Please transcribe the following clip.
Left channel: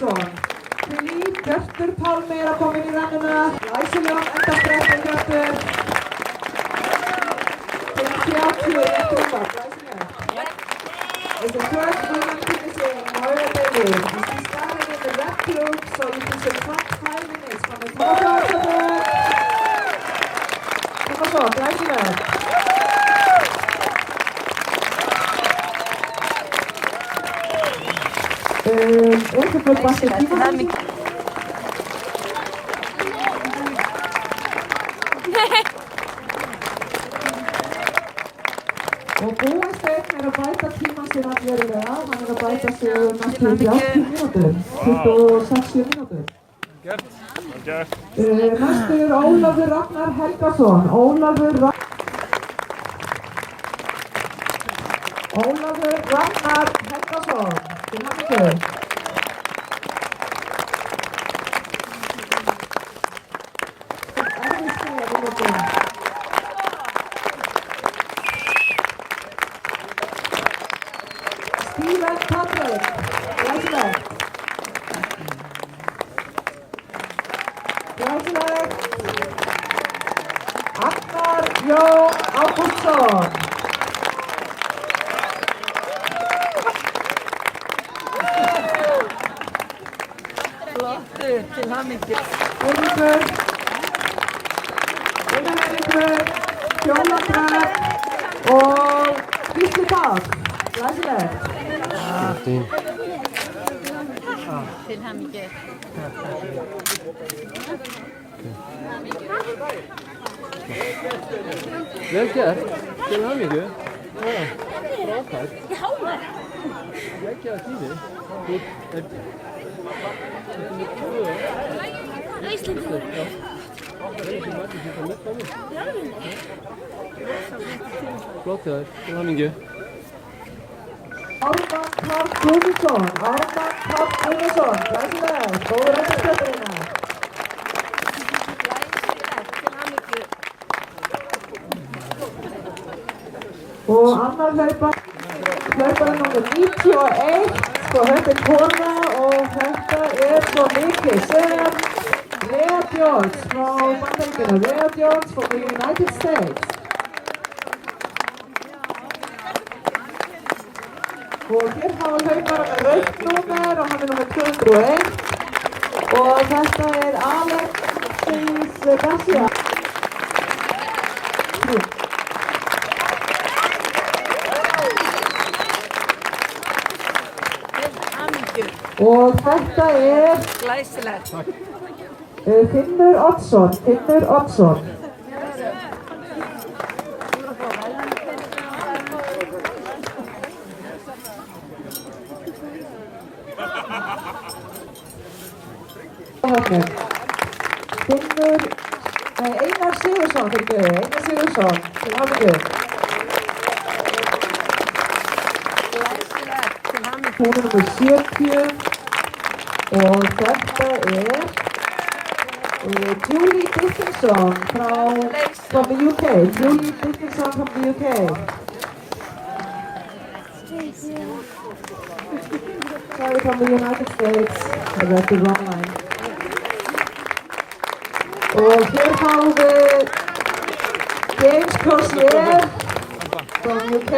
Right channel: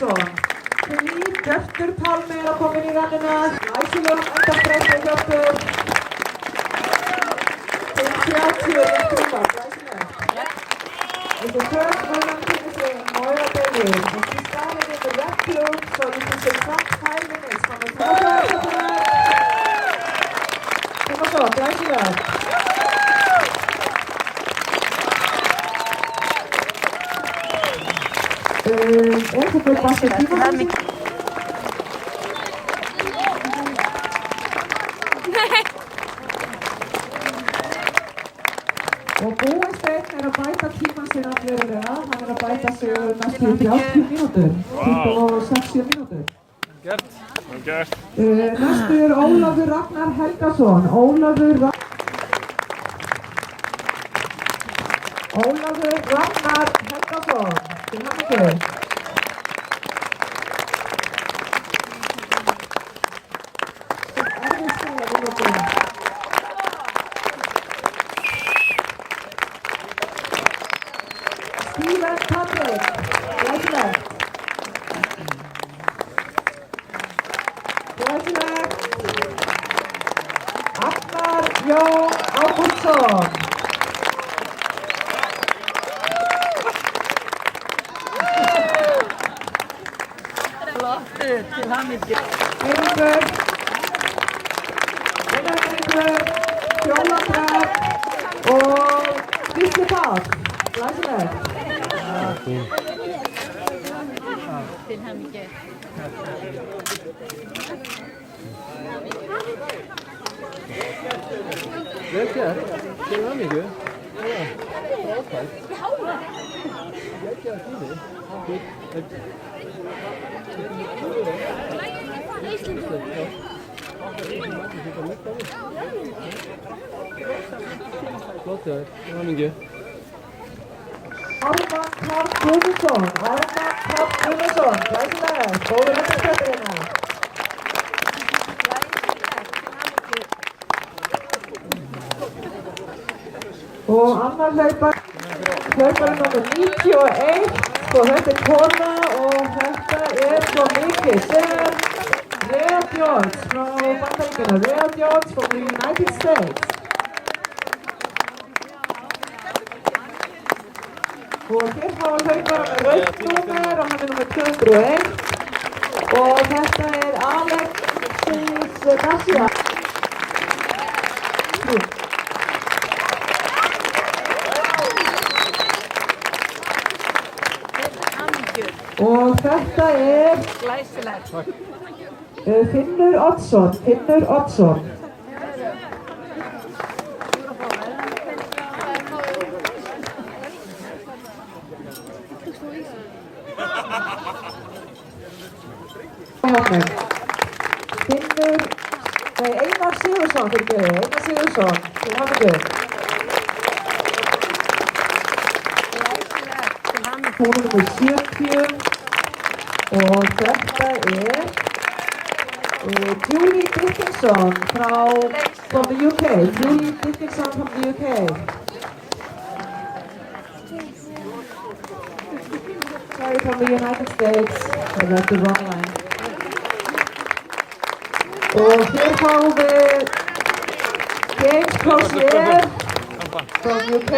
Ólafsson. Því Hjörtur Pálmi að koma inn í rennuna. Læsilegum endastrefni Hjörtur. 5:30 rétt rúmar, læsileg. It's a third woman finishing Moira Bailey. And she started in the red group, so you can see top 5 minutes from the top right of it. Kom og svo, læsileg. Eso fue pasativo. Og Búasteinn að bæta tímann sinn allverulega. Hann að bæta sig næstu 30 mínútur, 26 mínútur. Næstu Ólafur Ragnar Helgason. Ólafur Ragnar Helgason. Til hamingju. Stephen Patrick, læsileg. Agnar Jón Ágústsson. Flottur, til hamingju. Eiríkur, Fjólandrar og Gísli Páll, læsileg. Til hamingju. Vel gert, til hamingju. Já, frábært. Vel gert í þig. Flott þér, til hamingju. Ármann Karl Guðmundsson, læsileg, góður endastrefnina. Og annar hlaupari númer 91, sko þetta kona og þetta svo mikið sem Rhea George frá Bandaríkjunum, Rhea George from the United States. Og hér hafa hlaupara með rautt númer og hann númer 201 og þetta Alexis Garcia. Og þetta Glæsileg. Finnur Oddsson. Einar Sigurðsson, til hamingju. Hún númer 70 og þetta Julie Dickinson from the UK. Julie Dickinson from the UK. Sorry, from the United States. I read the wrong line. Og hér fáum við James Crozier from UK.